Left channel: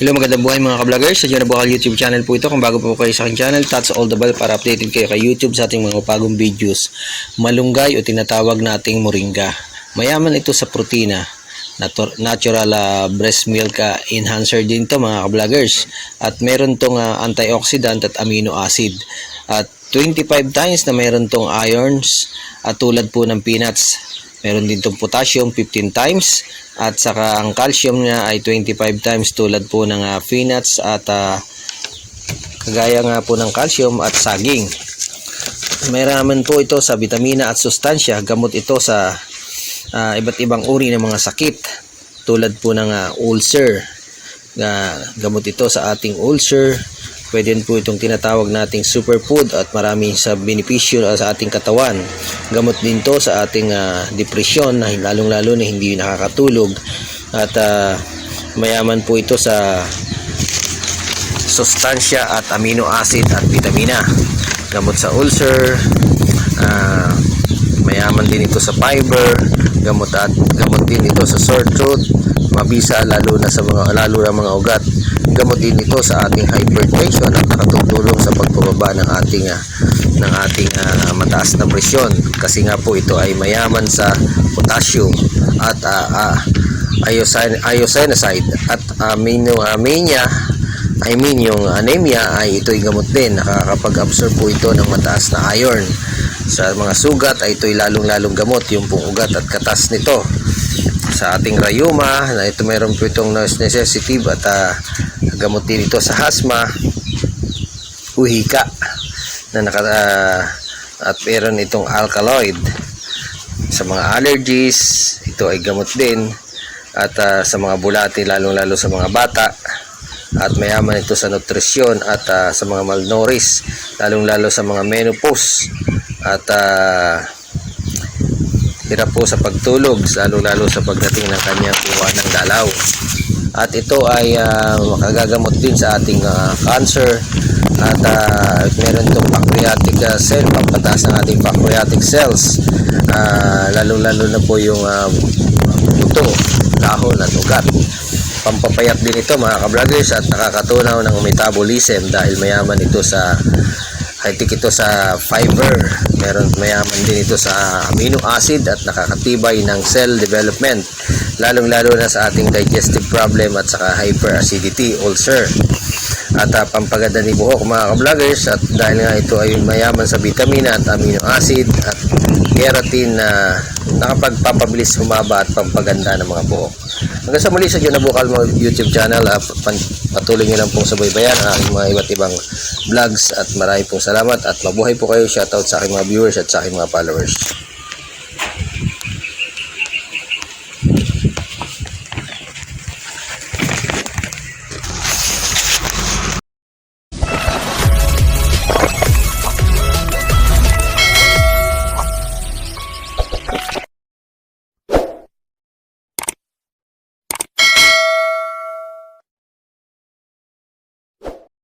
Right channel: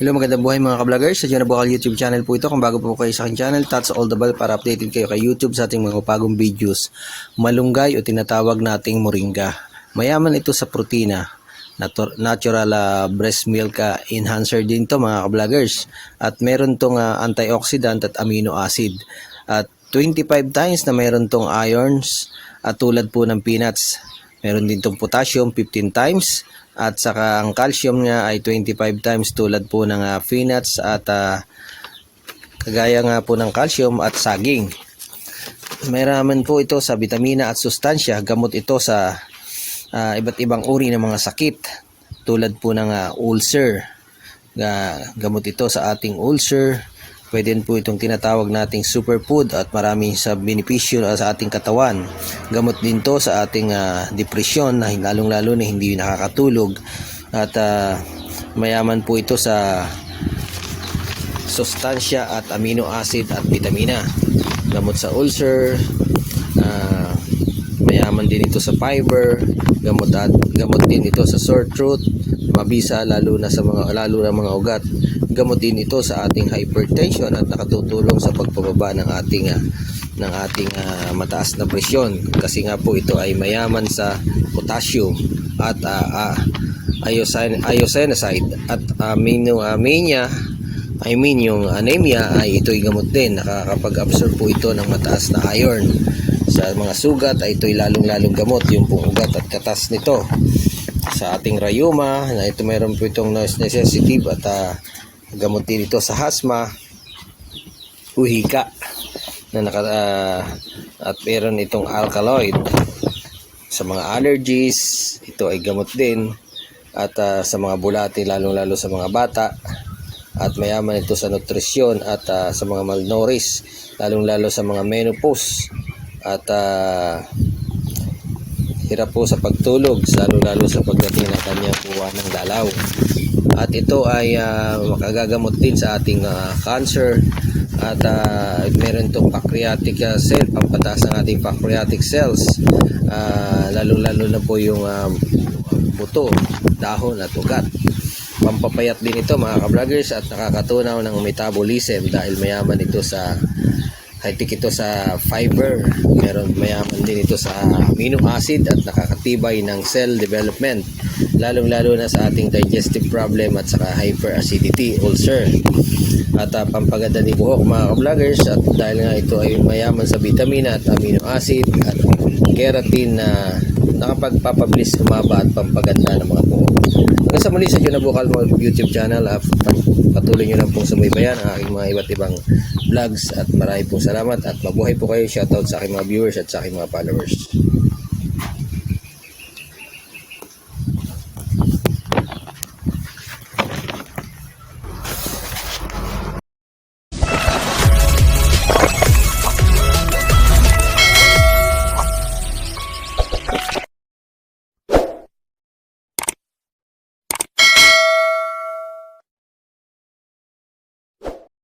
Hello magandang buhay mga ka-vloggers. Sa John Bukal YouTube channel po ito. Kung bago po kayo sa aking channel, touch all the bell para updated kayo kay YouTube sa ating mga bagong videos. Malunggay o tinatawag nating moringa. Mayaman ito sa protina. Natu- Natural ah, breast milk ah, enhancer din to mga ka-vloggers. At meron tong ah, antioxidant at amino acid. At 25 times na meron tong irons at tulad po ng peanuts. Meron din tong potassium 15 times at saka ang calcium niya ay 25 times tulad po ng ah, peanuts at ah, kagaya nga po ng calcium at saging. Mayroon po ito sa vitamina at sustansya, gamot ito sa ah, iba't ibang uri ng mga sakit tulad po ng ah, ulcer. Na gamot ito sa ating ulcer. Pwede po itong tinatawag nating superfood at marami sa benepisyo sa ating katawan. Gamot din to sa ating ah, depresyon na lalong-lalo na hindi nakakatulog at ah, mayaman po ito sa sustansya at amino acid at vitamina. Gamot sa ulcer, na mayaman din ito sa fiber, gamot at gamot din ito sa sore throat, mabisa lalo na sa mga lalo na mga ugat. Gamot din ito sa ating hypertension at nakatutulong sa pagbababa ng ating ah, ng ating ah, mataas na presyon kasi nga po ito ay mayaman sa potassium at ah, iosine, iosinocyte at amino amenia I mean yung anemia ay ito'y gamot din. Nakakapag-absorb po ito ng mataas na iron. Sa mga sugat ay ito'y lalong-lalong gamot yung pong at katas nito. Sa ating rayuma na ito meron po itong nurse at ah, gamot din ito sa asthma uhika na naka, ah, at meron itong alkaloid. Sa mga allergies ito ay gamot din. At ah, sa mga bulati lalong-lalo sa mga bata at mayaman ito sa nutrisyon at ah, sa mga malnourished lalong-lalo sa mga menopause. At ah, hirap po sa pagtulog lalong-lalo sa pagdating ng kanyang kuha ng dalaw. At ito ay ah, makagagamot din sa ating ah, cancer. At ah, meron itong pancreatic ah, cell pampataas ang ating pancreatic cells. Ah, lalong-lalo na po yung ah, buto, dahon at ugat pampapayat din ito mga ka-vloggers at nakakatunaw ng metabolism dahil mayaman ito sa high-tech ito sa fiber. Meron mayaman din ito sa amino acid at nakakatibay ng cell development lalong lalo na sa ating digestive problem at saka hyperacidity ulcer. At uh, pampaganda ni buhok mga ka-vloggers at dahil nga ito ay mayaman sa vitamina at amino acid at keratin na nakapagpapublish, humaba at pampaganda ng mga buhok. Hanggang sa muli sa Juna Bukal mo YouTube channel, uh, patuloy nyo lang pong subaybayan ang aking mga iba't ibang vlogs at marami pong salamat at mabuhay po kayo. Shoutout sa aking mga viewers at sa aking mga followers.